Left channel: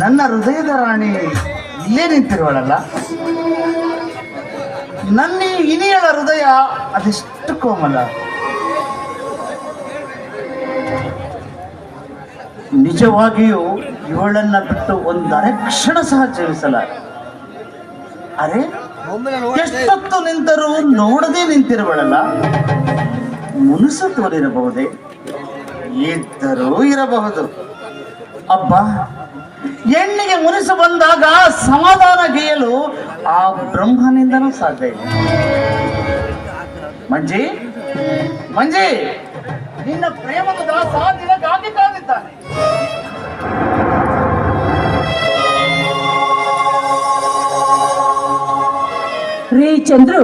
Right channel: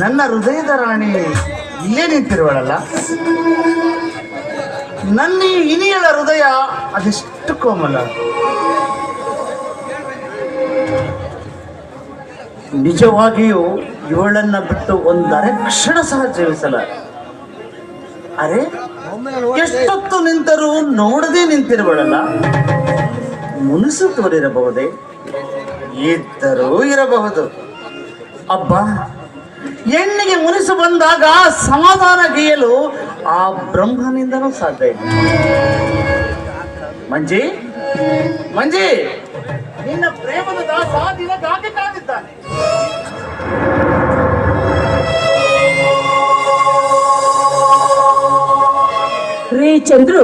ನನ್ನ ಹೃದಯದ ರಾಣಿ ಇಲ್ಲೇ ನಿಂತಿರುವಳಲ್ಲ. ನನ್ನ ಈ ಇನಿಯಳ ಹೃದಯ ಅದೆಷ್ಟು ಕೋಮಲ. ನಿಜವಾಗಿಯೂ ಇವಳನ್ನ ಬಿಟ್ಟು ಒಂದರೆ ಕ್ಷಣ ಸಹ ಜೀವಿಸಲ. ಅರೆ, ಎಷ್ಟೊತ್ತು ನಿಂತರೂ ನೋಡದೆ ನಿಂತಿರುವಳಲ್ಲ. ಮುನಿಸು ತೋರಿರಬಹುದೇ? ಇದ್ದರೂ ಇರಬಹುದು. ಅಬ್ಬ, ಹೆಣ್ಣಿಗೆ ಮುನಿಸು ಬಂದಾಗ ಸಮಾಧಾನ ಗೈಯಲು ಆ ಬ್ರಹ್ಮನಿಂದನೂ ಸಾಧ್ಯ ಇಲ್ಲ. ಮಂಜಿ, ಮಂಜಿ, ನಿನ್ನ ಪ್ರೇಮದ ದಾಸ ನಿನಗಾಗಿ ಕಾದಿದ್ದಾನೆ. ರೀ ಚಂದ್ರು,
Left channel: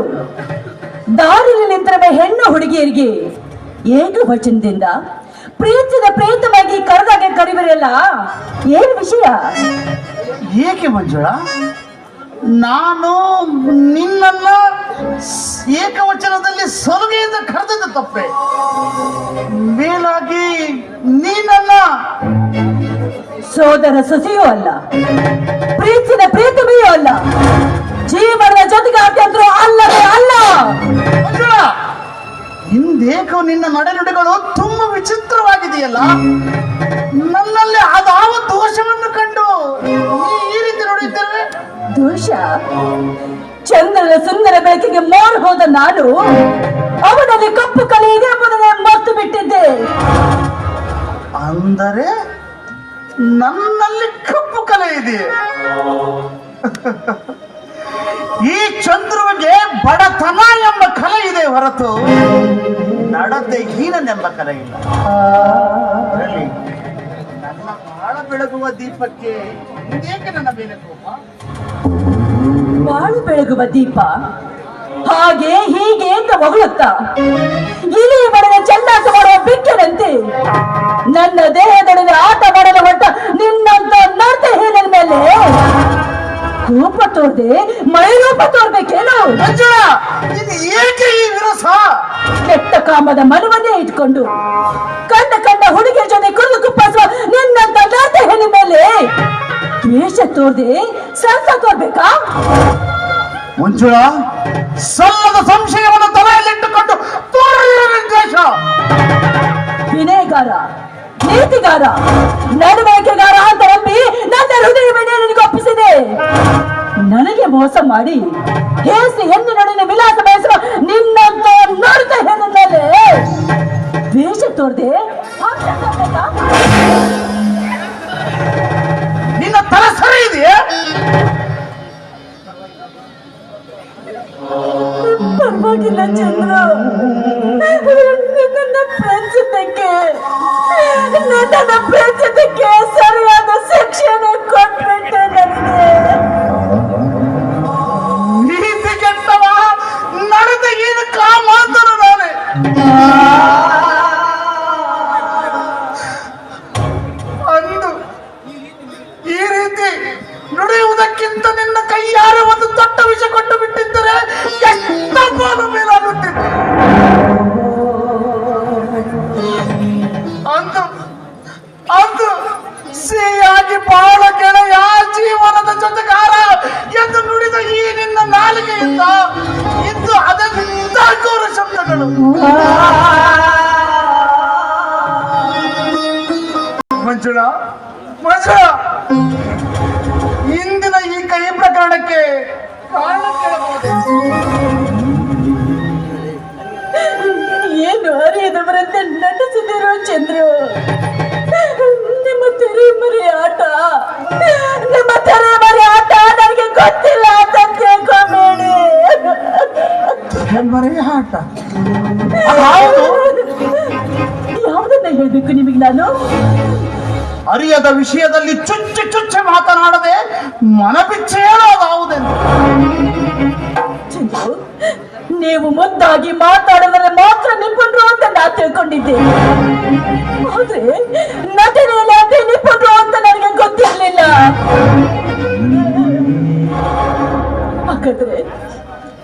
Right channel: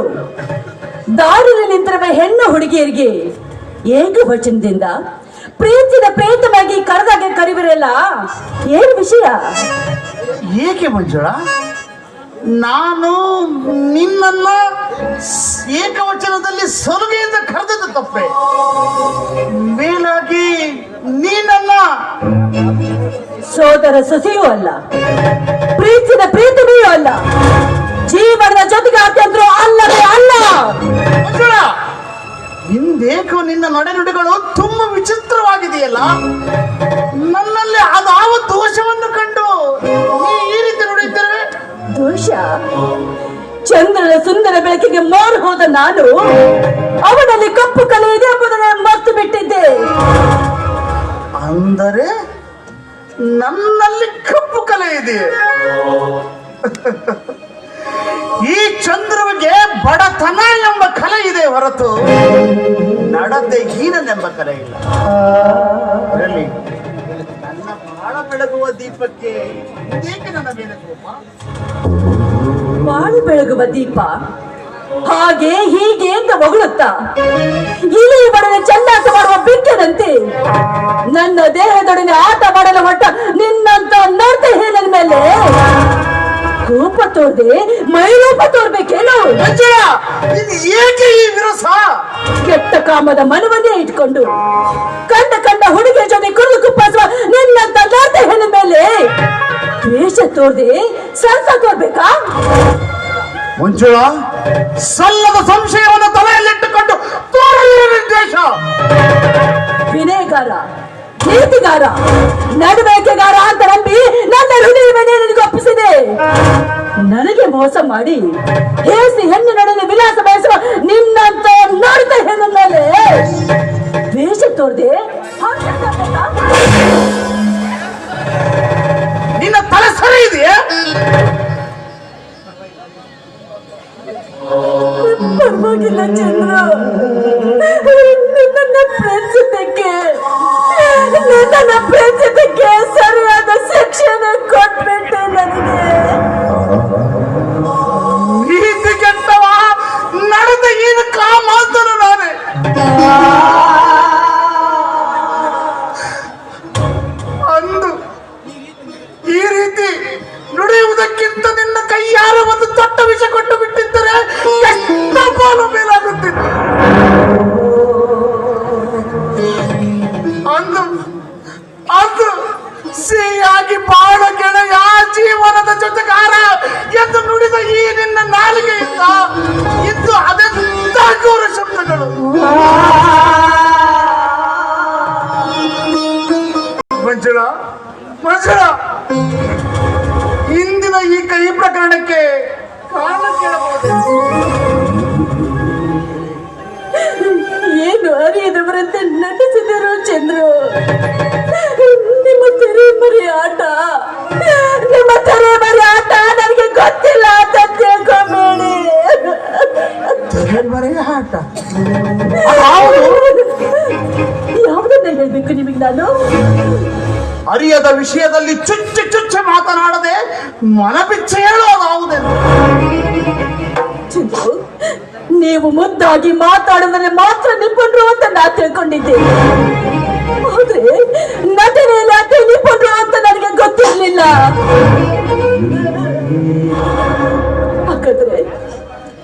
ದಾರಿಯಲ್ಲಿ ನಿಂತಿರುವ ಹೆಣ್ಣು ಹುಡುಗಿಯರಿಗೆ ಏಕವಚನದಿಂದ ಪ್ರೀತಿನ ಪ್ರೇತವಾಗಿ ಕರೆದಾಗ ಕರಿವರಲ್ಲ, ಏನ್ ವಿಷಯ? ಏಕೆ ಮಂಜುಳ, ನಾನು ನಿನ್ನನ್ನ ಏಕವಚನದಲ್ಲಿ ಸಲುಗೆಯಿಂದ ಕರೆದದ್ದು ತಪ್ಪೆ. ಮೇಲಾಗಿ ನೀನನ್ನ ಸೋದರ ಸೊಸೆಯೂ ಅಲ್ಲ, ಪ್ರೀತಿನ ಪ್ರೀತಮೆಯೂ ಅಲ್ಲ, ಜೀವನದ ಜೊತೆಗೆ ಅತ್ಯಂತರೂ ಅಲ್ಲವೇ ಅಲ್ಲ. ಮಂಜುಳ, ಹಿಂದೇಕೋ ನಿನ್ನ ನಡೆನುಡಿಗಳು ತುಂಬಾ ವಿಚಿತ್ರವಾಗಿದೆಯಲ್ಲ. ನನ್ನಲ್ಲಿ ಅದಾವ ದೋಷವನ್ನು ಕಂಡು ನೀ ಈ ರೀತಿ ನೋಡಿದ್ದೇವೆ. ದೋಷ? ಚಂದ್ರನ ಸುಂದರ ಬೆಳಕಿಗೆ ಮೋರ್ ಹೋದ ನಾನು ಅವನಲ್ಲಿ ಕಪ್ಪು ಕಲೆ ಇದೆ ಎಂಬುದನ್ನು ಮರೆತು ಬಿಟ್ಟಿದ್ದೆ. ಅಂದರೆ ನನ್ನಲ್ಲಿ ಕಪ್ಪು ಕಲೆ ಇದೆ. ಈ ಚಂದ್ರುವಿಗೆ ಬಡತನ ಎಂಬ ಕಲೆ ಇದೆ ಹೊರತು ನಡತೆ ಹೀನನೆಂಬ ಕಲೆ ಇಲ್ಲ. ನನ್ನ ಬಾಳ ಬೆಳಗುವ ದೀಪಕ್ಕೆ ಏಕೆ ನನ್ನ ಮೇಲೆ ಕೋಪ? ಬಾಳು ಬೆಳಗುವ ದೀಪ ಹಾಗೆ ಹೀಗೆ ಅಂತ ಹೊಗಳುತ್ತಾ ಇಲಿ ಬಡನೆ ಚಂದಾಟ ಮಾಡುವ ಬಿಕ್ಕನಂತೆ ನನ್ನ ದೇಹದೊಡನೆ ಆಟ ಮಾಡಲು ಹೊಟ್ಟ ನಿನ್ನಂತ ನರ್ತ ಹೇಳಿದ ಮೇಲೆ ರೂಪ ತೋರ್ದೆ ಮೈರೂಪ ತೋರ್ಬೇಕೇನು? ಇದು ಏಕೆ ಈ ವಿರಸ? ಕೆಟ್ಟ ಕಾಮದ ಮನವನ್ನೇ ಇಟ್ಕೊಂಡು ಕಂಡ ಹುಡುಗಿಯ ಜೊತೆ ಕುರಿದು ಕುಪ್ಪಿಸುವ ನಿನ್ನಂತ ನರ್ತ ಹೇಳಿದ ಮೇಲೆ ದ್ವೇಷ ತೋರ್ದೆ ಸರಸ ತೋರ್ಬೇಕಾ? ಮಂಜುಳ, ಸಲ್ಲದ ಸಂಶಯವನ್ನು ತಲೆಯಲ್ಲಿಟ್ಟುಕೊಂಡು ತೋರಿದ ದ್ವೇಷ. ವಿನಯಗಾರ, ನೀತಿಗಾರ, ನಡವಳಿಕೆಗಾರ ಅಂತ ನಂಬಿ ನನ್ನ ಹೃದಯವನ್ನೇ ನಿನಗೆ ಒಪ್ಪಿಸಿದೆ. ನನಗೆ ಮೋಸ ಮಾಡಿ ಹೇಸಿ ಹೆಣ್ಣಿನೊಡನೆ ವಿಲಾಸ ಬಯಸುವ ನಿನ್ನಂತ ನೋಡ್ತಾ ಹೆಣ್ಣ ಮೇಲೆ ದ್ವೇಷ ತೋರ್ದೆ ನಿನ್ನ ತಲೆ ಸರಿ ಇದೆಯಾ? ಪರವಾಗಿಲ್ಲ ಚಂದ್ರ, ನನ್ನ ಪ್ರೇಮಿಸಕ್ಕೆ ಸರಿಯಾದ ಶಿಕ್ಷಣ ಕೊಟ್ಬಿಟ್ಟೆ ನನಗೆ. ನೀತಿ ಕೆಟ್ಟವ ನಡೆದ ಏನು ಕಾಮಾಂತನು ನಾನೇ. ಅಂದು ಈ ರೀತಿ ನುಡಿಯುವುದಕ್ಕಿಂತ ನಿನ್ನ ಕೈಯಾರ ಒಂದು ದೊಡ್ಡ ವಿಷ ಕೊಟ್ಟು ಬಿಟ್ಟಿದ್ದರೆ ಎಷ್ಟು ಪಾಲು ಮೇಲಾಗುತ್ತಿತ್ತು. ಅಂದು ಸಿಹಿಯಾಗಿ ಬಾಳ ಗೆಳೆಯ ಜೀವನದ ಜೊತೆಗಾರ ಎಂದು ನುಡಿದ ಈ ನಿನ್ನ ನಾಲಿಗೆಯಿಂದ ಇದ್ದು ಅದೆಂತ ಘೋರ ಶಬ್ದಗಳು. ಮಂಜುಳ, ಮಂಜುಳ, ಇಂದಿನ ಈ ಕೈ ಪ್ರಕರಣಕ್ಕೆ ಕಾರಣ ಕೇಳಬಹುದು. ಏನು ಅರಿಯದವರಂತೆ ನಟಿಸಿದರು ಚಂದ್ರು. ನಿಮ್ಮ ತೆರೆ ಮರಿ ಆಟ ನನಗೆ ಗೊತ್ತಿಲ್ಲ ಅಂತ ತಿಳ್ಕೊಂಬೇಡಿ. ತೆರೆಮರೆ ಆಟ ಯಾವುದನ್ನ ಹೇಳ್ಬೇಕು ನಿಮಗೆ ನಾನು? ಅರಿಯದ ವಿಷಯದಲ್ಲಿ ಚುಚ್ಚಿ ಚುಚ್ಚಿ ಮಾತನಾಡದೆ ಮನಪಿಚ್ಚೆ ಹೇಳೋದಾವುದೆಂದು. ಚಂದ್ರು, ನೀವು ಮುದ್ದಾಗಿ ಮಾತಾಡಿದರೆ ಮಾತ್ರ ನಿಪುಣರು ಅಂತ ನಾ ತಿಳ್ಕೊಂಡಿದ್ದೆ. ಆದ್ರೆ ನಟನೆಯಲ್ಲಿ ಅದೇ ನಿಪುಣರು ಅಂತ ನನಗೆ ಗೊತ್ತಿರಲಿಲ್ಲ. ಹಾಗಾದ್ರೆ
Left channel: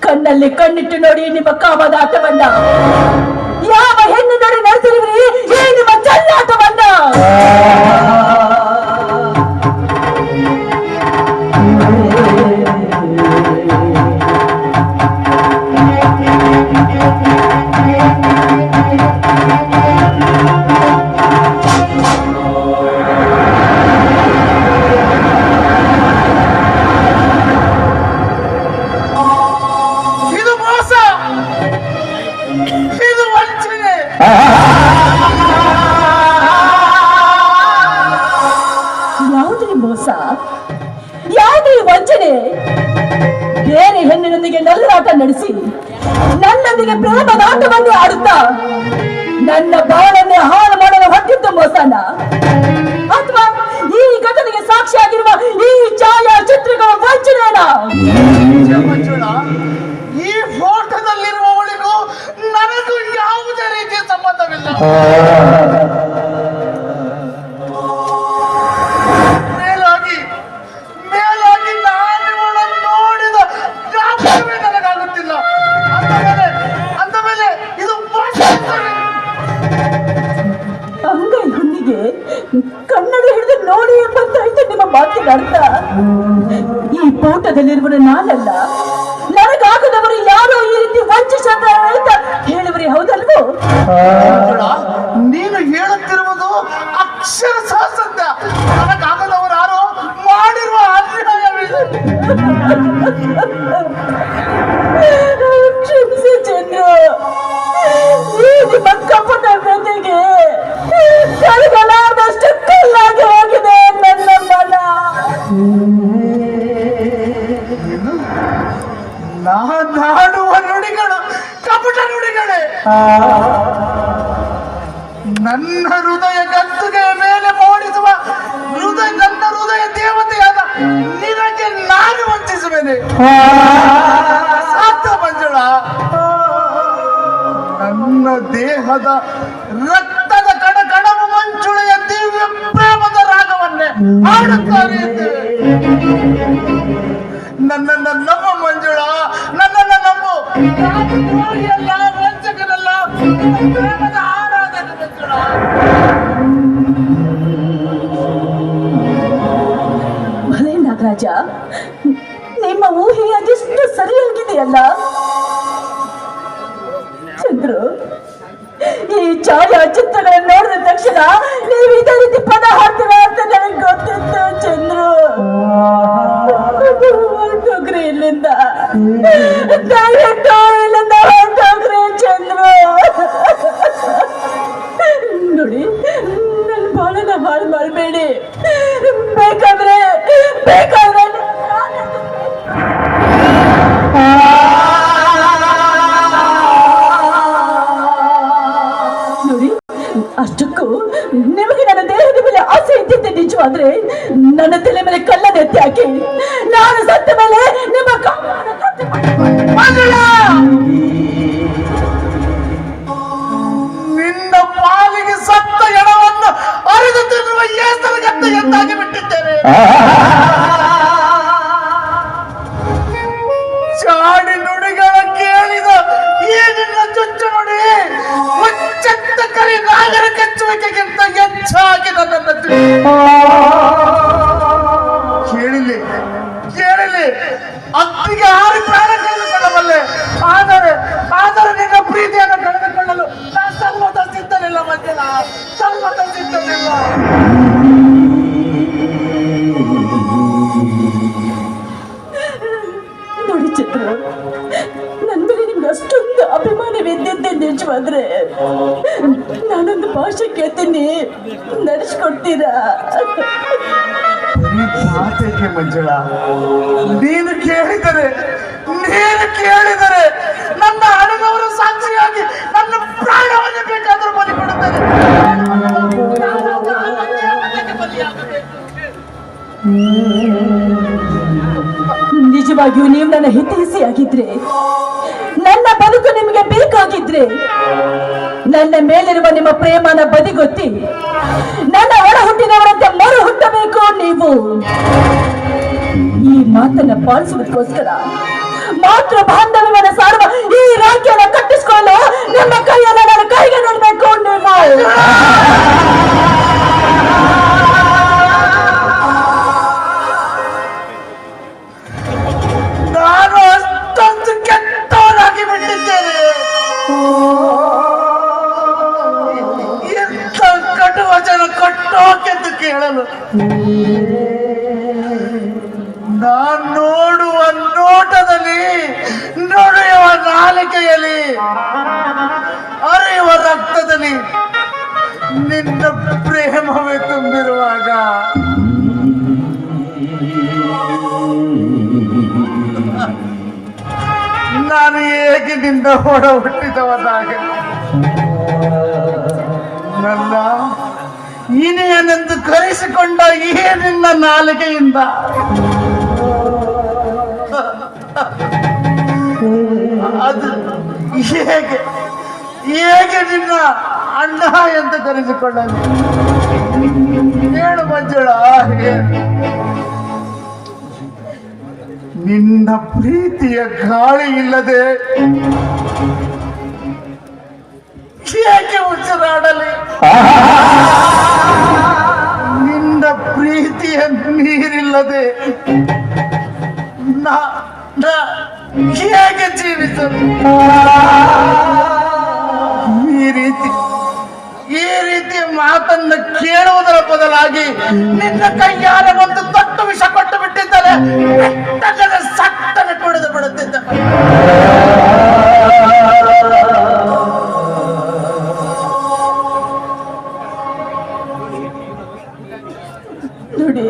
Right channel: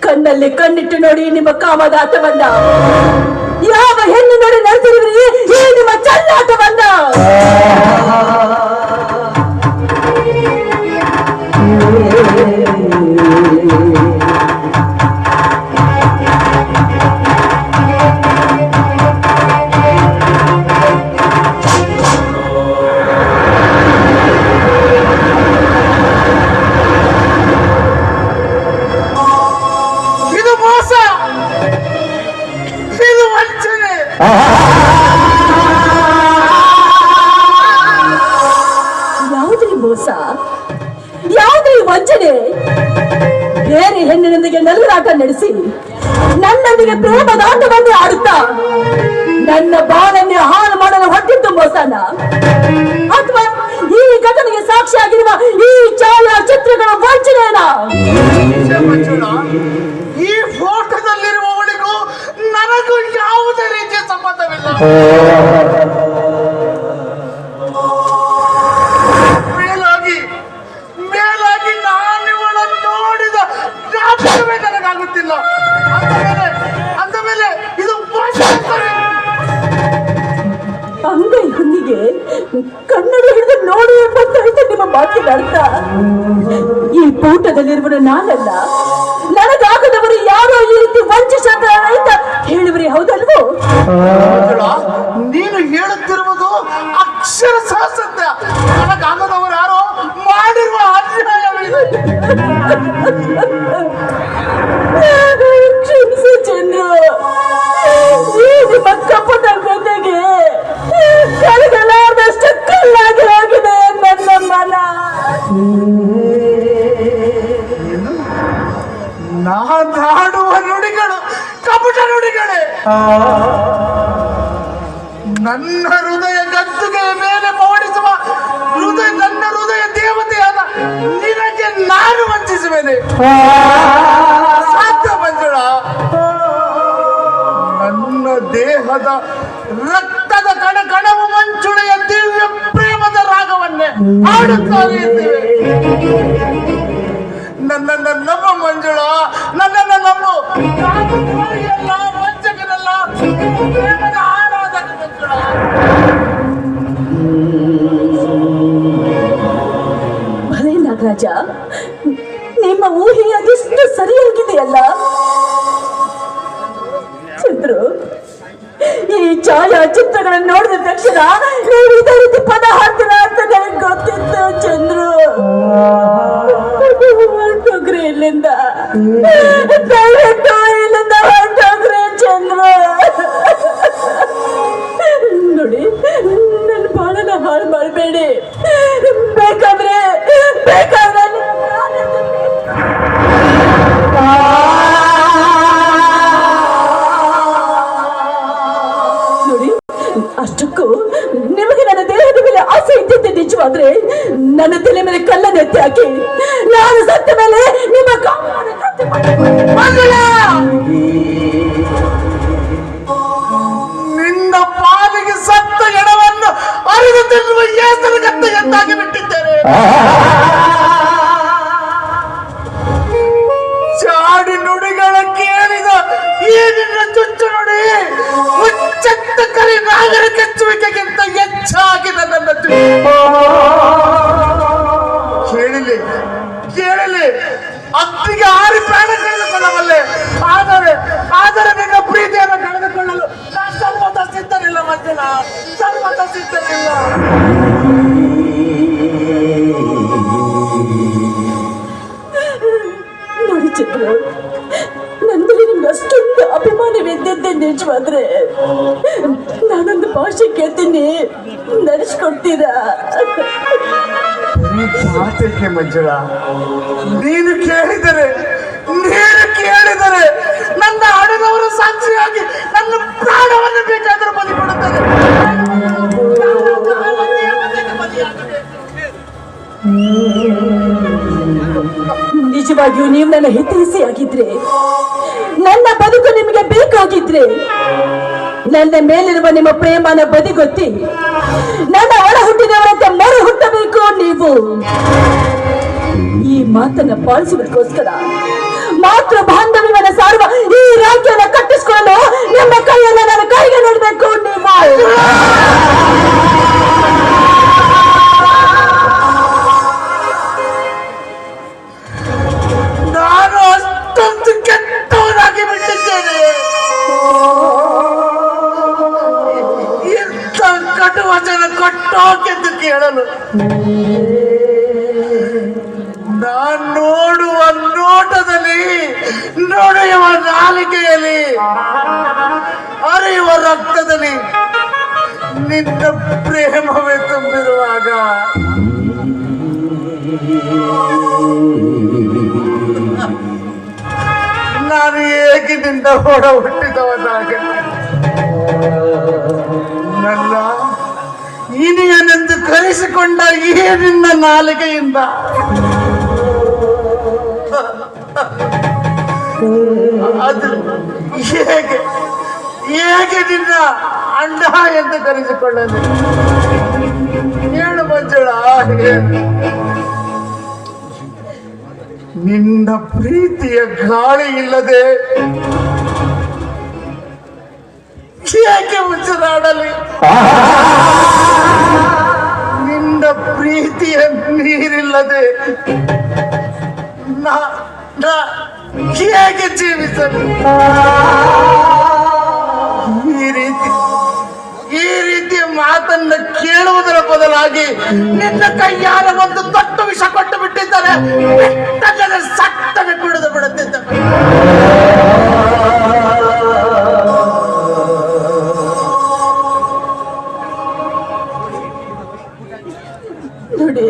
ಕಣ್ಣಲ್ಲಿ ಕಣ್ಣಿಟ್ಟು ನೋಡಿ ನಿಮ್ಮ ಕಾಮದ ಆಟವನ್ನ ಯಾವ ಹೆಣ್ಣು ನೋಡಿ ನಡೆಸಿದ್ರಿ ಈ ನಿಮ್ಮ ಚೆಲ್ಲಾಟವನ್ನ. ಇದು ಮೋಸ, ಇದು ವಂಚನೆ. ಯಾವುದೇ ಮೋಸ, ಯಾವುದೇ ವಂಚನೆ? ಬೇರೆ ಹೆಣ್ಣಿನೊಂದಿಗೆ ನಲ್ಲರಾಟ ನಡೆಸಿ ನನ್ನೊಂದಿಗೆ ಪ್ರೇಮದಾಟವನ್ನೇ ಆಡುತ್ತಾ ನನ್ನ ಬಾಳನ್ನೇ ಹಾಳು ಮಾಡಲು ಹೊಟ್ಟಿತ್ತು ಮೋಸನ? ಅಥವಾ ಈ ಘಟನೆಗೆ ಸಾಕ್ಷಿಯಾಗಿರುವ ಈ ಛಾಯಾಚಿತ್ರಗಳ ವಂಚನೆಯನ್ನ? ಮಂಜುಳ, ಈ ಫೋಟೋದಲ್ಲಿರುವವಳಿಗೂ ನನಗೂ ಯಾವುದೇ ರೀತಿಯ ಸಂಬಂಧವಿಲ್ಲ. ಮೇಲಾಗಿ ನಾನಿವಳನ್ನು ನೋಡಿದ ಜ್ಞಾಪಕವೇ ನನಗಾಗುತ್ತಿಲ್ಲ. ಅಂದ ಮೇಲೆ ಇದು ಅಂಗೈ ಹೊಂದಿಗೆ ಕನ್ನಡಿ ಹಿಡಿದು ನೋಡಿ ಎಂಬಂತಾಯ್ತು ನಿಮ್ಮ ಮಾತಿನ ಅರ್ಥ. ಈ ಫೋಟೋದಲ್ಲಿರುವರು ನಾನಲ್ಲ, ನನಗಾಗದವರು ಯಾರೋ ಈ ರೀತಿ ವಂಚಿಸಿದ್ದಾರೆ ಅಂತ ಹೇಳುವರಿ, ಹೌದಲ್ವೋ? ನೀನು ಹೇಳುತ್ತಿರುವುದು ಅಕ್ಷರಶಃ ಸತ್ಯ. ನನಗಾಗದವರು ಯಾರೋ ಮಾಡಿರುವ ಅನ್ಯಾಯವಿದೆ. ಕ್ಷಮಿಸು ಚಂದ್ರು, ಈ ನಿಮ್ಮ ಕಪಟ ಜೊತೆಗೆ ಕರಗಲಾರದಷ್ಟು ಕಲ್ಲಾಗಿ ಹೋಗಿದೆ ನನ್ನ ಮನ. ನಾನಾಡುವ ನುಡಿಗಳು ಕಪಟ ನುಡಿಗಳೇ. ನನ್ನ ಹೃದಯ ಗದ್ದುಗೆ ಮೇಲೆ ಮೂಡಿಸುವ ನನ್ನ ಹೃದಯ ದೇವತೆಯಾದ ನಿನಗೆ ನಾನು ವಂಚಿಸುವೆನೆ? ಸಾಧ್ಯ ಮಂಜುಳ? ನನ್ನ ದೇಹದ ರಕ್ತದ ಕಣಕಣವು ಮಂಜುಳೆಯ ದಿವ್ಯ ಪ್ರೇಮದ ರಾಗವನ್ನೇ ಹಾಡುತ್ತಾರೆ ಎಂದಿವೆ. ನನ್ನನ್ನು ನಂಬು ಮಂಜುಳ, ನನ್ನನ್ನು ನಂಬು. ನಾನು ದ್ರೋಹಿಯಲ್ಲ, ವಂಚಕನಲ್ಲ, ಪ್ರೇಮದ ಆರಾಧನೆ ಮಂಜುಳ. ಭಲೇ ನಾಗರಾಜ, ನಿಮ್ಮ ಊಹೆ ಅದೆಷ್ಟು ಸರಿಯಾಗಿದೆಯಲ್ಲ. ಚಂದ್ರು, ಈ ಛಾಯಾಚಿತ್ರಗಳನ್ನು ನೋಡಿದ ತಕ್ಷಣ ನೀವು ಇದೇ ರೀತಿ ಪದ ಹಾಡ್ತೀರ ಅಂತ ನನಗೆ ಗೊತ್ತಿತ್ತು ಚಂದ್ರು. ಹೊರಟೋಗ್ರಿ ಇಲ್ಲಿಂದ, ದಯವಿಟ್ಟು ಇಲ್ಲಿಂದ ಹೊರಟೋಗ್ರಿ ಚಂದ್ರು. ನೋಡಿ, ನನ್ನ ಬಾಳನ್ನ ಹಾಳು ಮಾಡಬೇಡಿ. ಬೇಕಾದ್ರೆ ನೋಡಿ, ಅಷ್ಟಕ್ಕೂ ನಿಮಗೆ ನನ್ನ ದೇಹದ ಮೇಲೆ ಆಸೆ ಇದ್ದಿದ್ದೆ ನಿಜವಾದ್ರೆ ನನ್ನ ತಲೆ ಮೇಲೆ ಕಲ್ಲನ್ನು ಎತ್ತಿ ಹಾಕಿ ನಾನು ಸತ್ತ ಮೇಲೆ ನಿಮ್ಮ ಕಾಮವನ್ನು ತೃಪ್ತಿ ನಿನ್ನ ಪಾಲಿಗೆ ಸತ್ತ ಎಡವನ್ನು ಅರಿದು ತಿನ್ನುವ ಏಸರ ಗದ್ದೆಯನ್ನಾಗಿ ಬಿಟ್ಟಿದ್ದೇನೆ. ಚಾಡಿ ನುಡಿಗಳ ಕೇಳಿದ ಈ ನಿನ್ನ ಚುಚ್ಚು ನುಡಿ ಹುಚ್ಚೆತ್ತ ಕರಿ ನಾಗರ ಕೆಚ್ಚುವಿಕೆಗಿಂತ ಹೆಚ್ಚಾಗಿ ನನ್ನನ್ನು ಕೇಳಲಿ ಅತ್ತಿಗೆ ಆರಿ ಪ್ರಾಣ ಕಳೆದುಕೊಳ್ಳಬಲ್ಲೆ. ಆದರೆ ನಿನ್ನ ಪ್ರೀತಿಯನ್ನು ಕಳೆದುಕೊಳ್ಳಲು ನಾನು ಸರ್ವದ ಸಿದ್ಧನಿಲ್ಲ ಮಂಜನ, ಸರ್ವದ ಸಿದ್ಧನಿಲ್ಲ. ನೋಡಿ ಚಂದ್ರು, ನಂದಲ್ಲಿ ನಿಮ್ಗೆ ಅಷ್ಟೊಂದು ಅಭಿಮಾನವಿದ್ದಿದ್ದೆ ನಿಜವಾದ್ರೆ ನಾನೊಂದು ಭಾಷೆ ಕೇಳ್ತೀನಿ, ನಡೆಸ್ಕೊಡ್ತೀರಾ? ಮಾತೇಕೆ ಮಂಜುಳ? ನೀನು ಕೇಳಿದರೆ ನನ್ನ ಹಣದವರ ಸಾಕ್ಷಿಯಾಗಿ ನನ್ನ ಪ್ರಾಣವನ್ನು ಬೇಕಾದರೂ ಬಲಿ ಕೊಡುತ್ತದೆ. ನಿಜವಾಗಿಯೂ ನೀವು ನನ್ನ ಹಿತೈಷಿಯಾಗಿದ್ರೆ, ನನ್ನ ಬದುಕು ನಿಮಗೆ ಬೇಕಾಗಿದ್ರೆ, ನನ್ನ ಮೇಲಿರುವ ನಿಮ್ಮ ಪ್ರೇಮನ ಬದಿಗೊತ್ತಿ ನನ್ನ ಒಳ ಹುಟ್ಟಿದವರಂತೆ ಮರು ಹುಟ್ಟಬೇಕು ನೀವು. ಈ ಮಾತನ್ನ ಪಾಲಿಸುವುದಕ್ಕೋಸ್ಕರ ಮಾತ್ರ ಬಾಂಧವ್ಯವನ್ನ ಸಾರುವ ಈ ರಾಜ್ಯನ ಕಟ್ಟಿಸಿಕೊಂಡು ನಿಮ್ಮ ಕೈಯನ್ನ ನನ್ನ ಕೈಗೆ ನೀಡಬೇಕು ನೀವು. ನಾನು ಅಷ್ಟೊಂದು ಕೆಟ್ಟವನಾಗಿ ಬಿಟ್ಟಿದ್ದೇನೆ. ಇಂಥ ಕಟು ವಚನ ಕೊಟ್ಟೋಕೆಂದು ಕೇಳಲು ನಾನು ನೋಡುವ ನೋಟದಲ್ಲಿ, ನೋಡುವ ನಾಲಿಗೆಯಲ್ಲಿ, ಅರಿಯುವ ರಕ್ತದಲ್ಲಿ ನಿನ್ನ ಪ್ರೇಮವೇ ತುಂಬಿರುವಾಗ ನಾನು ಹೇಗೆ ನಿನ್ನ ಹೊಡ ಹುಟ್ಟಿದವನಾಗ ನನ್ನ ಇನಿಯನೆಂದು ಕರೆಸಿಕೊಂಡ ಈ ನಿನ್ನ ನಾಲಿಗೆಯಿಂದ ಅದು ಹೇಗೆ ಹೇಗೆ ನಿನ್ನ ಅಣ್ಣ ಎಂದು ಕರೆಸಿಕೊಳ್ಳಲಿ? ಹೇಳು ಮಂಜುಳ, ನಿನ್ನ ಪ್ರೀತಿಯ ಗಾಳಿ ಇಲ್ಲದೆ ಏಕೆ ಉಸಿರಾಡಲಿ? ನಿನ್ನ ಪ್ರೀತಿಯ ನೀರಿಲ್ಲದೆ ಹೇಗೆ ಜೀವಿಸಲಿ? ಈ ರೀತಿಯ ಮಾತನ್ನ ಕೇಳುವುದರ ಬದಲಾಗಿ ನಿನ್ನ ಕೈಯಾರ ಒಂದು ದೊಡ್ಡ ವಿಷ ಕೊಟ್ಟು ಬಿಟ್ಟಿದ್ದಾರೆ. ಸಟ್ಟನೆ ಕುಡಿದು ಬಿಡುತ್ತಿದ್ದ. ನೋಡಿ,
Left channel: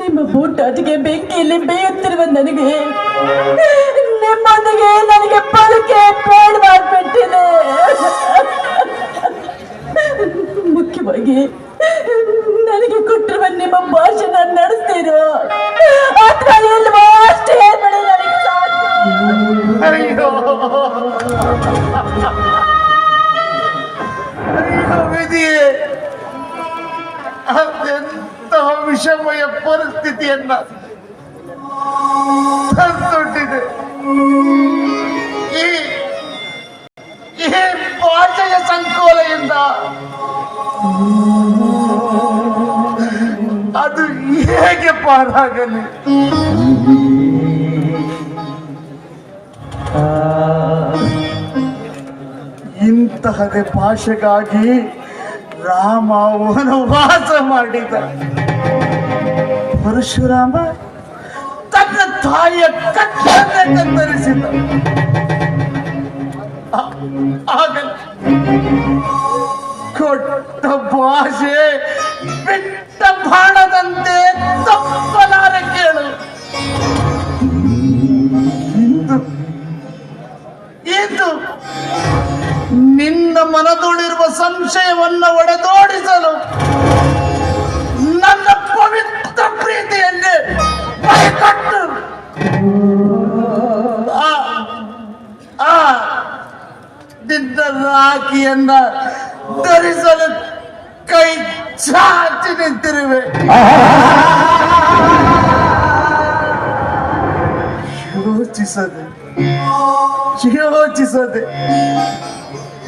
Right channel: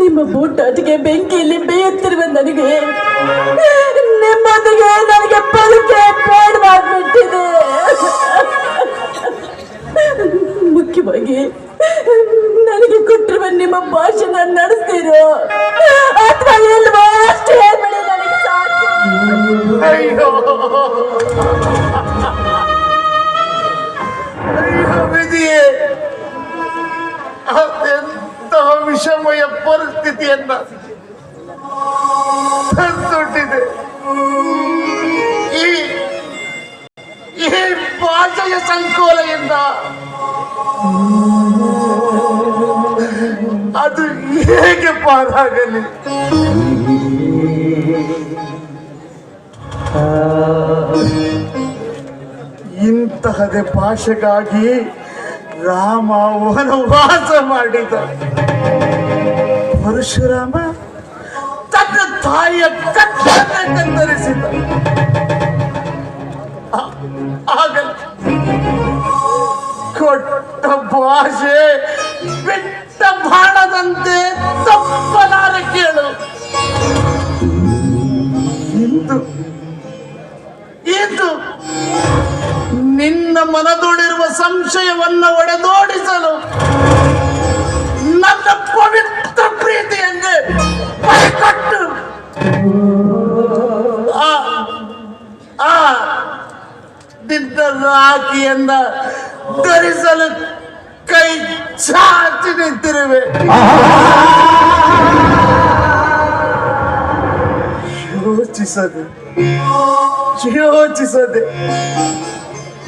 ನಿಮ್ಮ ಬೂಟಾಟಿಗೆ ಬೆಂಕಿಯಲ್ಲಿ ಬೇಯುತ್ತಿರುವ ನನಗೆ ನಿಮ್ಮೊಂದಿಗೆ ನನಗೆ ಬದುಕೆ ಬೇಡವಾಗ್ಬಿಟ್ಟಿದೆ. ಮುಖ್ಯವಾಗಿ ನನಗೆ ಕೊಟ್ಟಿರುವ ನಿಮ್ಮ ಭಾಷಣ ನಡೆಸ್ತೀರೋ ಅಥವಾ ಇಲ್ವೋ ಅಷ್ಟೇ ಹೇಳಿ ನನಗೆ ಸಾಕು. ಅಯ್ಯೋ ವಿಧಿಯೇ, ಅದೆಂತಹ ವಿಷಮಯ ಪರಿಸ್ಥಿತಿಯನ್ನ ತಂದೊಡ್ಡಿದೆ. ಈ ಭಾಷೆಯ ಸಂಕೋಲೆಯಿಂದ ಅದು ಹೇಗೆ ಪಾರಾಗಲಿ? ಇಂತಹದೇ ಭಾಷೆಗಾಗಿ ರಾಮ ವನವಾಸ ಮಾಡಿದ. ಪರಶುರಾಮ ತನ್ನ ತಾಯಿಯ ಕತ್ತನ್ನೇ ಕತ್ತರಿಸಿದ. ಆಗಲ್ಲ, ಕೊಟ್ಟ ಭಾಷೆ ಬಿಟ್ಟ ಬಾಣದಂತೆ ತಪ್ಪಲಾರ ಕೇಳು. ಇಂದು ನಿನ್ನ ಮನದೊಡಿರುವ ಸಂಶಯವನ್ನು ಒಡೆದೋಡಿಸಲು ನನ್ನ ಪವಿತ್ರ ಪ್ರೀತಿಯನ್ನೇ ಬೈಕೊಟ್ಟು ನಿನ್ನ ರಾಖಿಯನ್ನ ಧರಿಸಲು ಕೈ ಚಾಚಿ ನಿಂತಿರುವೆ. ಯೋಚಿಸದೆ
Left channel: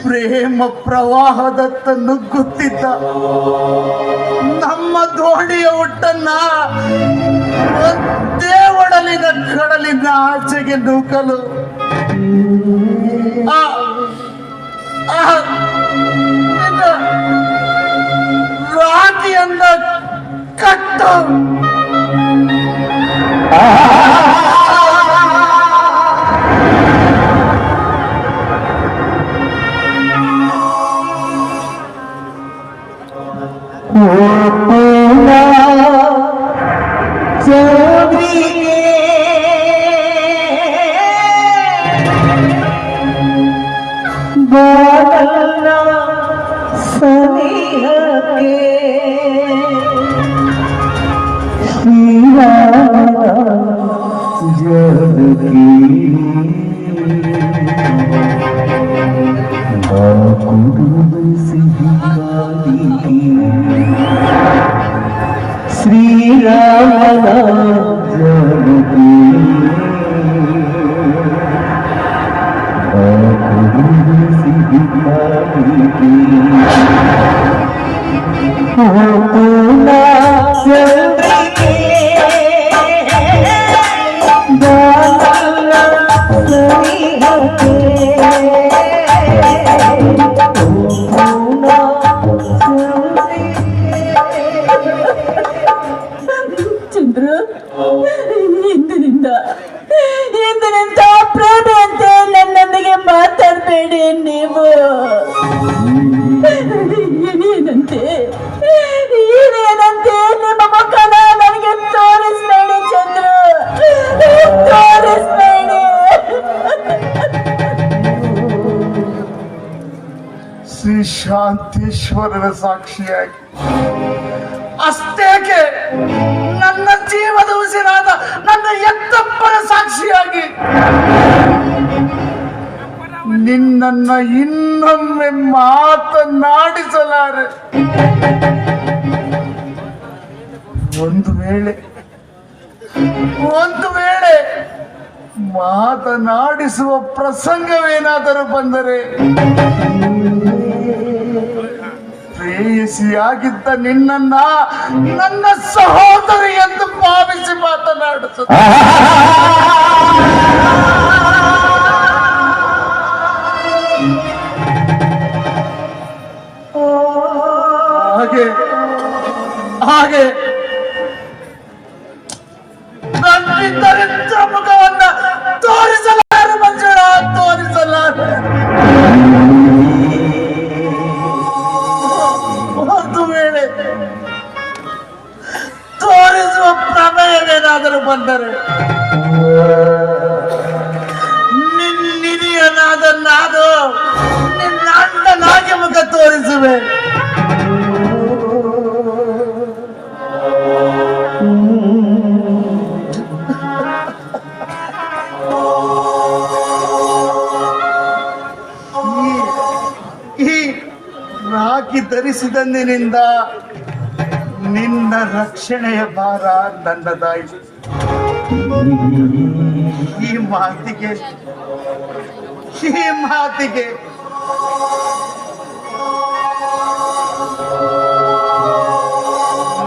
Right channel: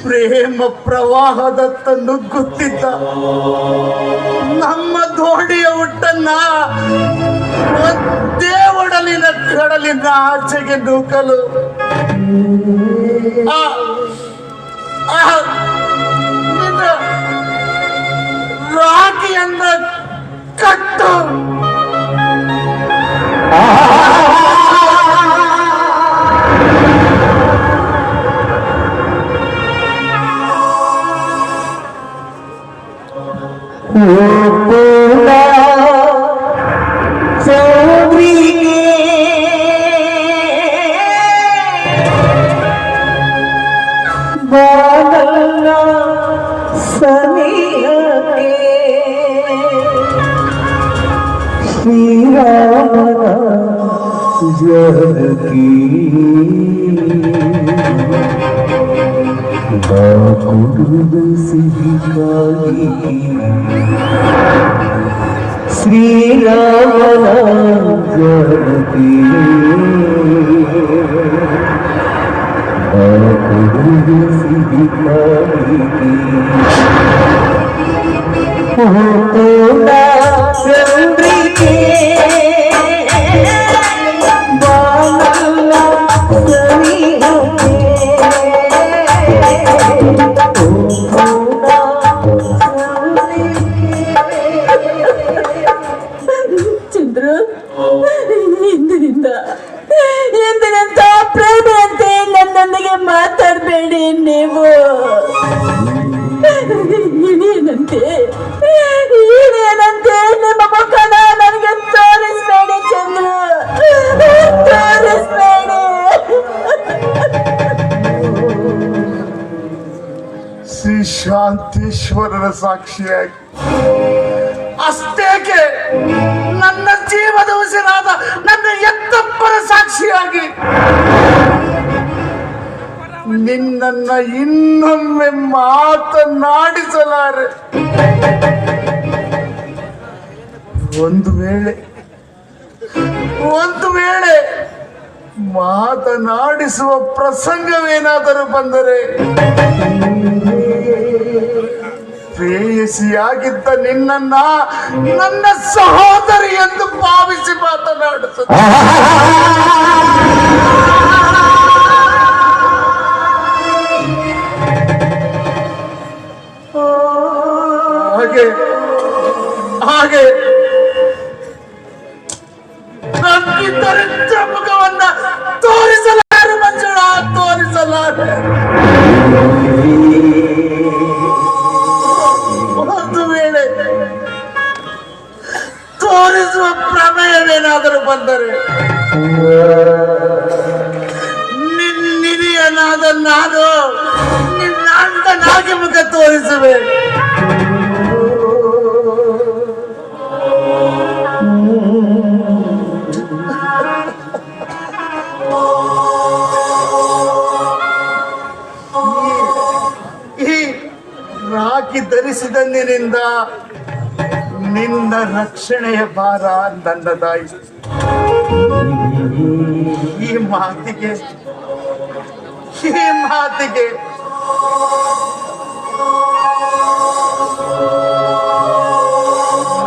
ಪ್ರೇಮ ಪ್ರವಾಹದತ್ತ ನುಗ್ಗುತ್ತಿದ್ದ ನಮ್ಮ ದೋಣಿಯ ಹುಟ್ಟನ್ನ ಒಂದೇ ಒಡಲಿನ ಕಡಲಿನ ಆಚೆಗೆ ನೂಕಲು ರಾಖಿಯನ್ನ ಕಟ್ಟು. ಶ್ರೀರಾಮನ ಚಂದ್ರು, ಇಂದಿನಿಂದ ಪ್ರೇಮಿಯಂತೆ ನನ್ನೊಂದಿಗೆ ಮಾತಾಡಬೇಡಿ. ನೀವು ಇದೇನಂತೆ ನಿಮ್ಮ ಮುಖನ ನನಗೆ ತೋರಿಸ್ಬೇಡಿ ಚಂದ್ರು, ತೋರಿಸ್ಬೇಡಿ. ಶ್ರೀ ಶಾಂತೇಶ್ವರರ ಸಾಕ್ಷಿಯಾಗಿ ಅಷ್ಟೇಕೆ ನನ್ನ ಜೀವದ ಉಸಿರಾದ ನನ್ನ ಎತ್ತಪ್ಪನ ಸಾಕ್ಷಿಯಾಗಿ ನಿನ್ನನ್ನ ಇನ್ನೊಮ್ಮೆ ಮಾತನಾಡಿಸಲಾರೆ. ಒಂದು ವೇಳೆ ಮಾತನಾಡಿಸುವ ಪ್ರಸಂಗವೇನಾದರೂ ಬಂದರೆ ಪ್ರೇಯಸಿಯಾಗಿದ್ದ ನಿನ್ನನ್ನ ನನ್ನ ಸಹೋದರಿ ಎಂದು ಭಾವಿಸಿ ಮಾತನಾಡುತ್ತದೆ. ಹಾಗೆ ದರಿದ್ರ ಮುಖವನ್ನ ತೋರಿಸಲಾರೆ ಮಂಜುಳ, ತೋರಿಸಲಾರೆ. ಒಂದು ವೇಳೆ ತೋರಿಸುವ ಪ್ರಮೇಯವೇನಾದರೂ ಬಂದರೆ ನಿನಿಯನಾದ ನಾನು ನಿನ್ನ ಅಣ್ಣನಾಗಿ ಮುಖ ತೋರಿಸುವೆ. ರಾಖಿ ಧರಿಸಿದಂದಿನಿಂದ ನಿನ್ನ ರಕ್ಷಣೆಯ ಭಾರ ನನ್ನದಾಯಿತು. ಈ ಮಾತಿಗೆ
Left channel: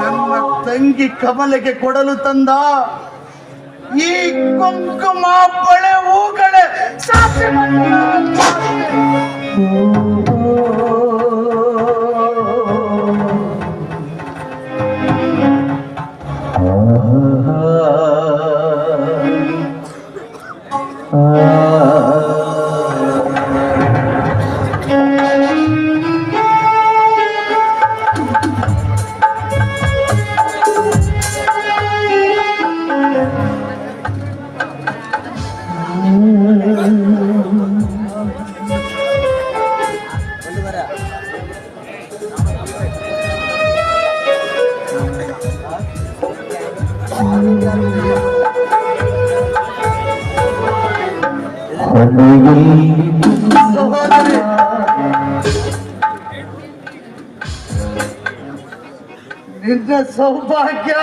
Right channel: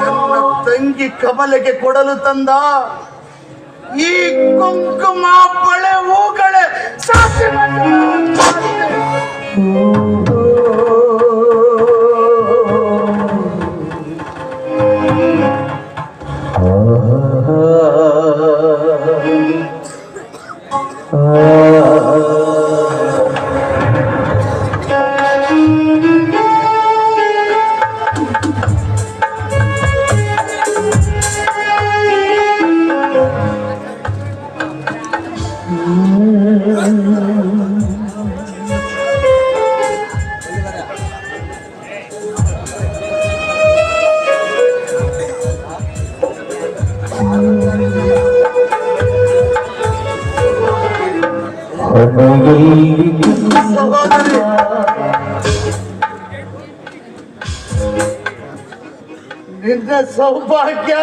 ನನ್ನ ತಂಗಿ ಕಮಲೆಗೆ ಕೊಡಲು ತಂದ ಈ ಕುಂಕುಮ ಬಳೆ ಹೂಗಳೇ ಸಾಕ್ಷಿ. ನಿನ್ನ ಸೌಭಾಗ್ಯ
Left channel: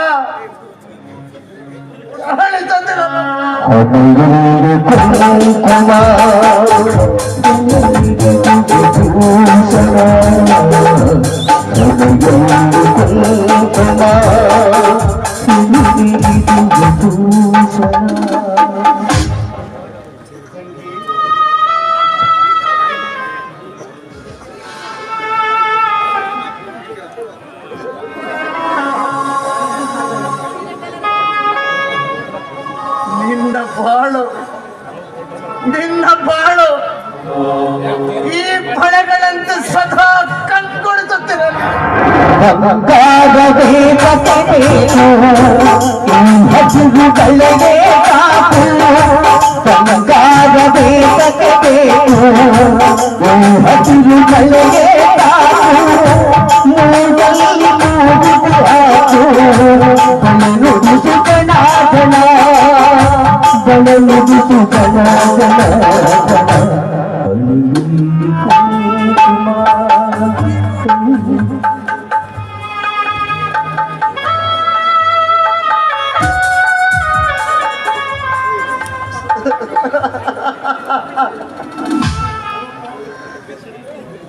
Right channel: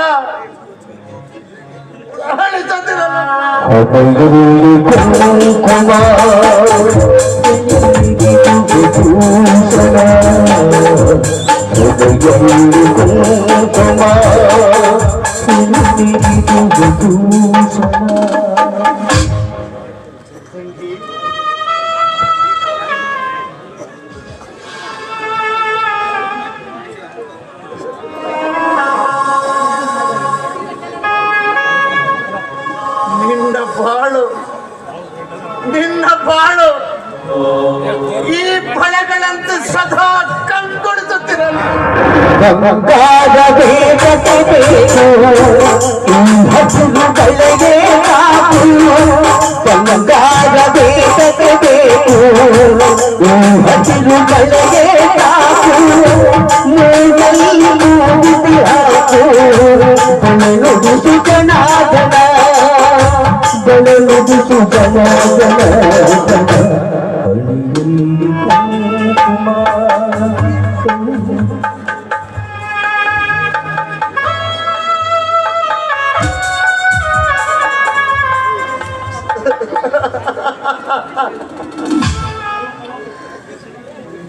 ನಿನ್ನ ಬಾಳು ಈ ಫಳಗಳಂತೆ ಸದಾ ಕಂಗೊಳಿಸುತ್ತಿರಲಿ.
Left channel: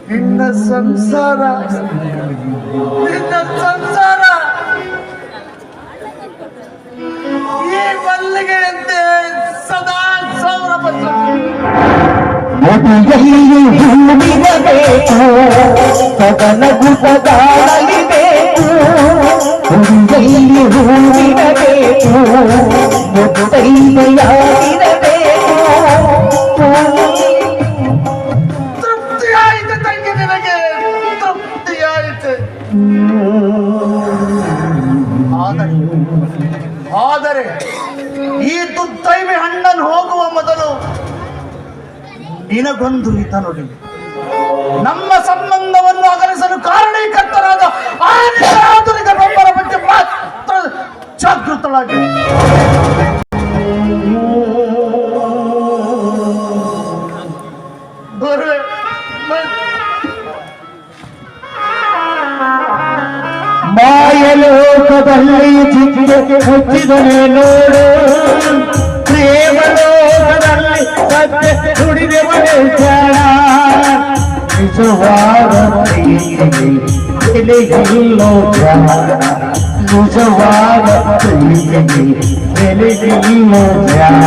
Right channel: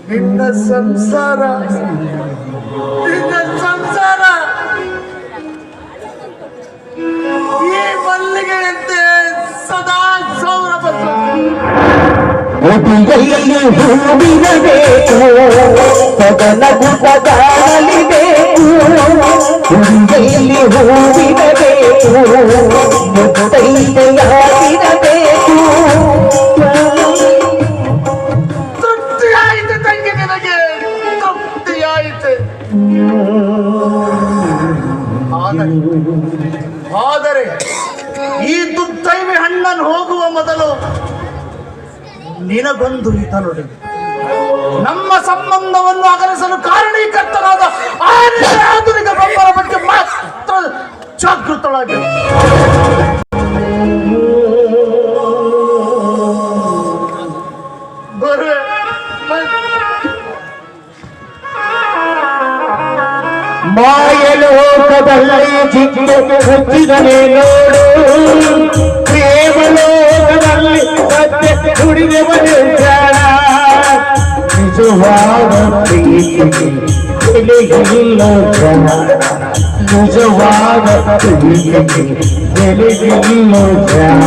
ನಿನ್ನ ಸಂಸಾರ ಈ ಮಲ್ಲಿಗೆಯಂತೆ ಸದಾ ಮುಡಿಯಲ್ಲಿ ಹೂವಿರಬೇಕು, ಸದನಗು ಸದಾಡಲಿಬೇಕು. ಮುಡಿಯಲ್ಲಿ ಹೂವಿರಬೇಕು, ಆದರೆ ಈ ದುರ್ದೈವಿ ಅಣ್ಣನ್ ಹೋಗುವ ಮೊದಲು ನಿನಗೊಂದು ಹಿತ ನುಡಿ. ನಮ್ಮ ಸಂಬಂಧವನ್ನು ಅಗಲಿಸಲು ಕಾರಣೀಕರ್ತರಾದ ಆಧುನಿಕರೊಬ್ಬರ ಬಗ್ಗೆ ಮಾತ್ರ ಜಾಗೃತರಾಗಿ. ಮಾಯಲೋಕದಲ್ಲಿ ಜಿಂಕೆ ಹುಟ್ಟಿದನೆ ನೋಡು, ಪ್ರೇಮಲೋಕದಲ್ಲಿ ಸತ್ಯ ನುಡಿದವನೇ ಜಾಣ. ನಿಜವಾದ ಪ್ರೀತಿಗೆ ಬೆಲೆಗಿಲ್ಲೋ ಜನ, ನಿಜವಾದ ಪ್ರೀತಿಗೆ ಬೆಲೆಗಿಲ್ಲೋ ಜನ.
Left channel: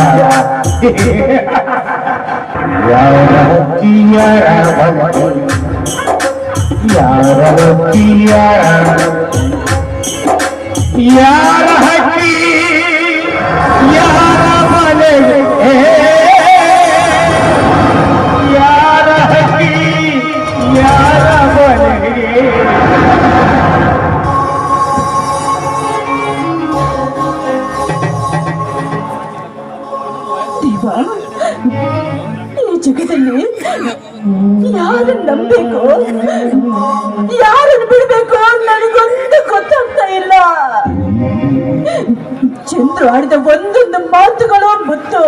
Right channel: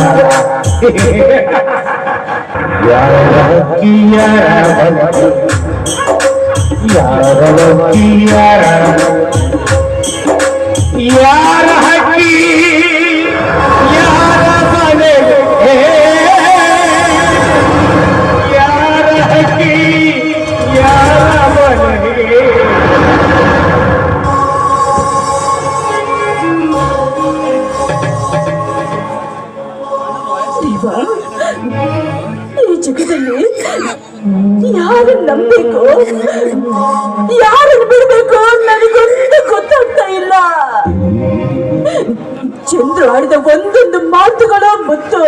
ಯಾರ ಯಾರ ಹಕ್ಕಿ ಯಾರ ಮನೆಗೆ, ಯಾರ ಹಕ್ಕಿ ಯಾರ ಮನೆಗೆ. ಈ ಜಗದಲ್ಲಿ ಯಾರನ್ನು ನಂಬಬೇಕು, ಯಾರನ್ನು ಬಿಡಬೇಕು ನನಗೊಂದು ಗೊತ್ತಾಗ್ತಾ ಇಲ್ಲ. ಚಂದ್ರು ಆಡಿದ ಒಂದೊಂದು ಮಾತುಗಳು ಮುತ್ತು,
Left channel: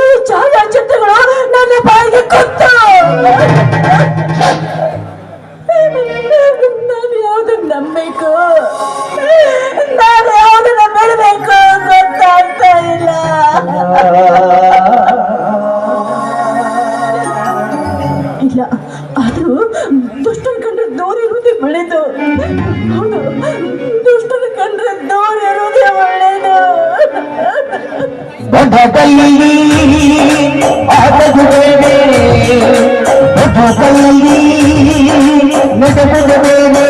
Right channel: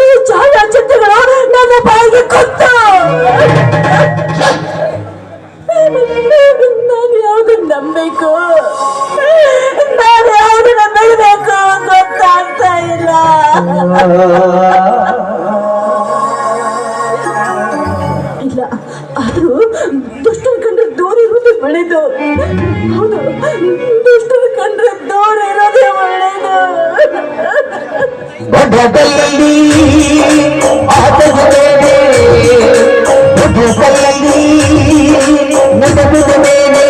ಈ ಛಾಯಾಚಿತ್ರಗಳು ನನ್ನ ಬಾಯಿಗೆ ಗೊತ್ತು. ನಾನು ಯಾವ್ದನ್ನು ನಂಬಬೇಕು, ನಾನು ಯಾವ್ದನ್ನ ಬಿಡಬೇಕು ಗೊತ್ತಾಗ್ತಾ ಇಲ್ಲ. ಇಲ್ಲ, ಆದ್ರೂ ದುಷ್ಟರ ಕಂಡ್ರೆ ದೂರ ಇರೋದೇ ಒಳ್ಳೇದು. ಹೌದು, ದುಷ್ಟರ ಕಂಡ್ರೆ ದೂರ ಇರೋದೇ ಒಳ್ಳೇದು. ಬಡದಲ್ಲಿ ಆತಗುತ್ತೇನೆ, ಬಡದಲ್ಲಿ ನಟಗುತ್ತೇನೆ,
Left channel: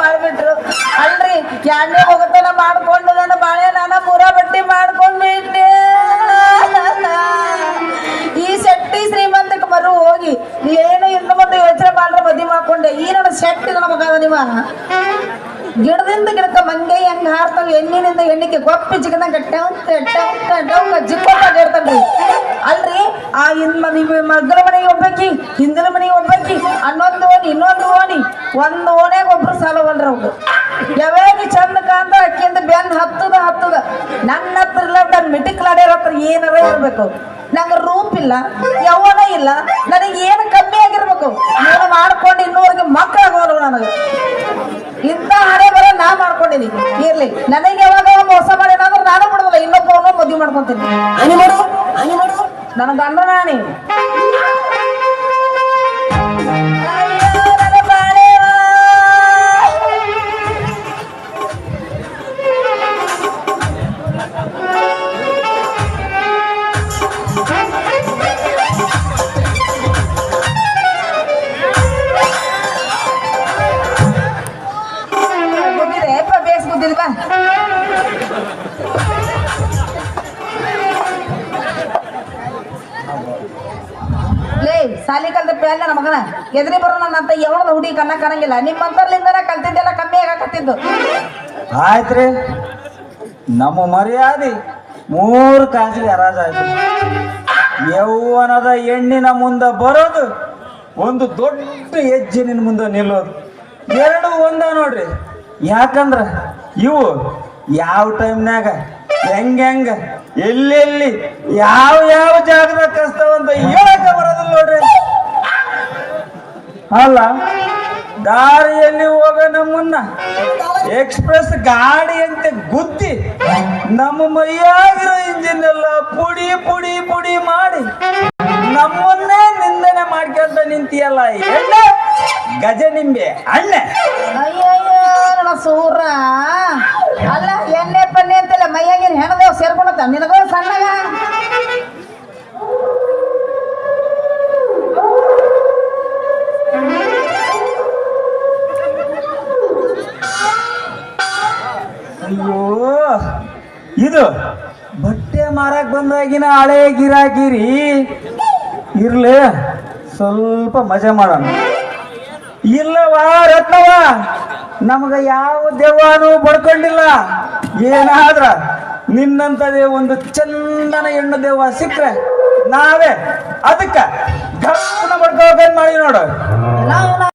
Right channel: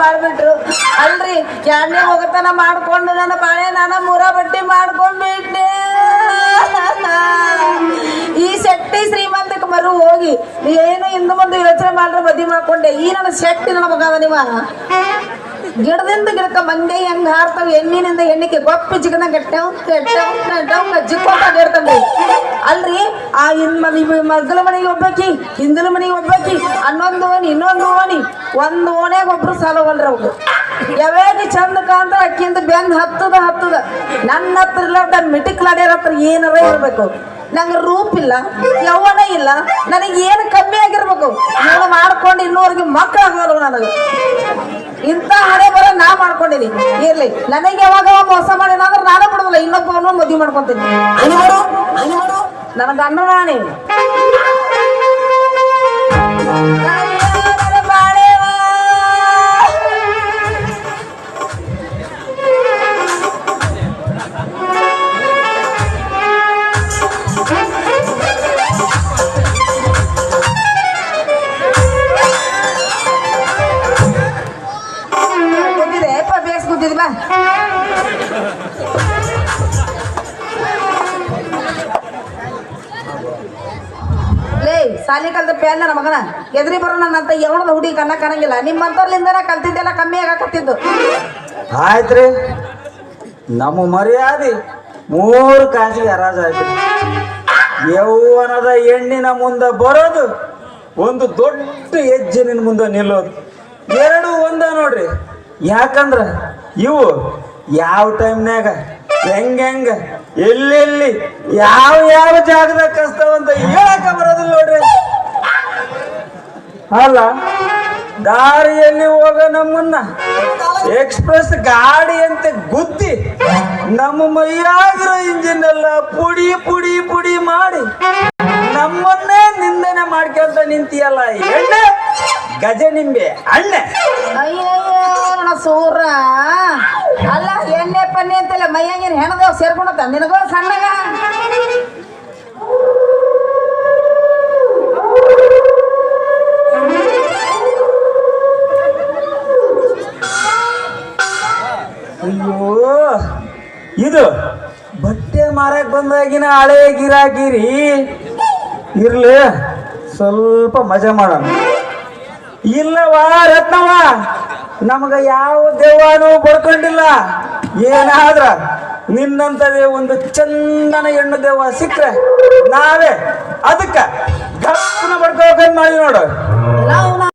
ಮಾಡ್ಬಿಟ್ರು ಅಲ್ರಿ. ಯಾರೇ ಹೋಗತನ ಮಾಡ್ಕೊಂಡು ನನ್ನ ಬಾಳೆ ನಾನು ಮುರ ಬಟ್ಟಿ ಮಾಡ್ಕೊಂಡ್ಬಿಟ್ಟೆ. ಈ ಶೆಟ್ಟಿ ಶ್ರೀಮಂತಕ್ಕೆ ಮರು ಹೋಗಿ ಏನು ಇನ್ನು ಮುಂದೆ ಯೋಚನೆ ಮಾಡ್ರೆ ಮದುವೆ ಮಾಡ್ಕೊಂಡೆ. ಈ ನನ್ನ ಶೆಟ್ಟಿ ನನ್ನ ಮಗದ ನೀವ ಗಿಡದಿಂದ ಗಿಡಕ್ಕ ಮಂಗೈ ಹೆಂಗ ಹಾರ್ತವ, ಎಣ್ಣಿನಿಂದ ಎಣ್ಣಿಗೆ ಗೊಪ್ಪಿ ಚಿಕ್ಕನ ಜಿಕ್ಕೊಂಡ್ರಿ. ಅಲ್ರಿ, ಆ ನಿಮ್ಮ ಮಗ್ಗಲ ಮನೆಗೆ ಒಬ್ಬಾಕಿ, ಹಿಂದಿನ ಮನೆಗೆ ಒಬ್ಬಾಕಿ, ಹನ್ನೊಂದು ಓಣಿ ಇನ್ನೊಂದು ಓಣಿ, ಒಂದು ಓಣ್ಯಾಗ ಒಬ್ರು ಸಾಲವಲ್ರಿ ಅವ್ರು. ಯಾವಾಗ ಚಂದ ಕಾಂತ ಅಕ್ಕಿಂದ ಬೆಂದ್ ಹತ್ತದ ನನ್ನ ಹತ್ರ ಇಲ್ಲ, ಮಿಟಿಕ್ಲಾಡ್ಯಾರ ಹತ್ರ ಏನಾರ ಇರ್ಬೇಕು. ನಂಗೆ ರೂಪ್ ಇಲ್ಲ, ಯೌವನ ಇಲ್ಲ, ನನಗೆ ಏನು ಕಮ್ಮಿ ಆಗಿರ್ಬೇಕು. ನಾನು ಮಾಡ್ಕೊಂಡು ಇನ್ನೂವರೆಗೆ ಮಕ್ಕಳಾಗಲ್ಲ ನನಗೆ. ಇಂಥ ಹಣೆ ಬರ ನಾ ಮಾಡ್ಕೊಂಡಿನಿ. ಇರ್ಲಿ, ನನಗೆ ಯಾವಾಗ ಮೋಸ ಮಾಡಿನ ಅಂದ್ರೆ ನಾನು ಬಿಡೋಲ್ಲ, ಇನ್ನೊಬ್ಬರನ್ನು ಮದುವೆ ಮಾಡ್ಕೊಂತೀನಿ. ನನ್ನ ಗಂಡ ನಾನೇ ಬೇಸ್ಗುದ್ದಿಲ್ವಾ? ಲೇ ಸಾಲಿ ಕಲ್ತ ಪ್ಯಾನ್ ನನ್ನ ಮಗನ ಎದ್ರಿ ಬರೋ ನನ್ನಂತ ಯಾವಣದ ಹುಡುಗಿ ಕಣ್ಣ ಕಾಣಂಗಿಲ್ಲ. ನಿಮ್ಮಂತರ್ಲಿಂದನ ಕಲ್ತಿದ್ದೆಲ್ಲ ಕಮ್ಮಿ ಆಗಕತ್ತಿದ್ದು. ಆಯ್ತ್ರಿ, ನಮ್ಮ ಮರ್ಯಾದೆ 3 ಕಾಸಿಗೆ ಹರಾಜಾಯ್ತು. ಯೌವನದ ಹೆಣ್ಣಿನ ಮುಂದೆ ಬರೋದು, ಒಂದು ದೊಡ್ಡ ಹೆಜ್ಜೆ ಮುಂದೆ ನಿಲ್ಲೋದು, 2 ಒಂದ ನೋಡ್ರಿ. ಯಾಕಂದ್ರ ಇವು ಯಾವ ಟೈಮ್ನಾಗ ಹೆಂಗ ಎಲ್ಲೆಲ್ಲಿ ಯಾವ ಜಾಗದಾಗ ಕಸ್ತಾವಂತ ಹೇಳಕ ಬರೋದಿಲ್ಲ ನೋಡ್ರಿ. ಅಲ್ಲ, ದಾರಿಯಲ್ಲಿ ಹೋಗ ನಮ್ಮನ್ನ ಎಕ್ಸ್ಪ್ರೆಸ್ ಗಾಡಿ ಅಂತ ಗುದ್ದಿ ನಮ್ಮ ಮೈಯಾಗಿರೋ ಇಂಜಿನ್ ಎಲ್ಲ ಪುಡಿ ಪುಡಿ ಪುಡಿ ಮಾಡಿ ನಮ್ಮನ್ನೇ ನಿಂದನೆ ಮಾಡ್ಕೊಂತ ನಿಂತಿಯಲ್ಲ ಎಣ್ಣೆ ಗಜ ನಿಂಬೆ ಅಣ್ಣೆ. ಸೂರ ಅಲ್ಲ, ಎಣ್ಣೆ ಪನ್ನೆ ಅಂತೆಲ್ಲ ಮೈಯಾಗಿನ ಹೆಣದೇವ್ ಸೇರ್ಕೊಂಡ ನಿನಗ ಸಣ್ಣಗ. ಅಯ್ಯೋ, ಇದು ಬಟ್ಟೆ ಮಾರಕ್ ಬಂದಾಗಿನ ಹಳೆ ಗಿರಾಕಿರಿ. ಇರ್ಲಿ, ಸ್ವಲ್ಪ ಮಜಾ ಮಾಡೋಣ. ಇಲ್ಲವಾ ರತ್ನವ, ನಮಗ ಯಾವ ದೇವಾನು ಬಡ್ಕೊಂಡಿಲ್ಲ. ಏನಾದ್ರ ನಿನ್ನಂತದೇ ಒಂದು ಚಂದನ ಹೆಣ್ಣು ದೇವ ಸಿಕ್ಕ್ರೆ ನಾವೇ ಅದಕ್ಕ ಗಪ್ಪನ ಬಡ್ಕೋಬೇಕಂತ ಮಾಡಿ ನೋಡು.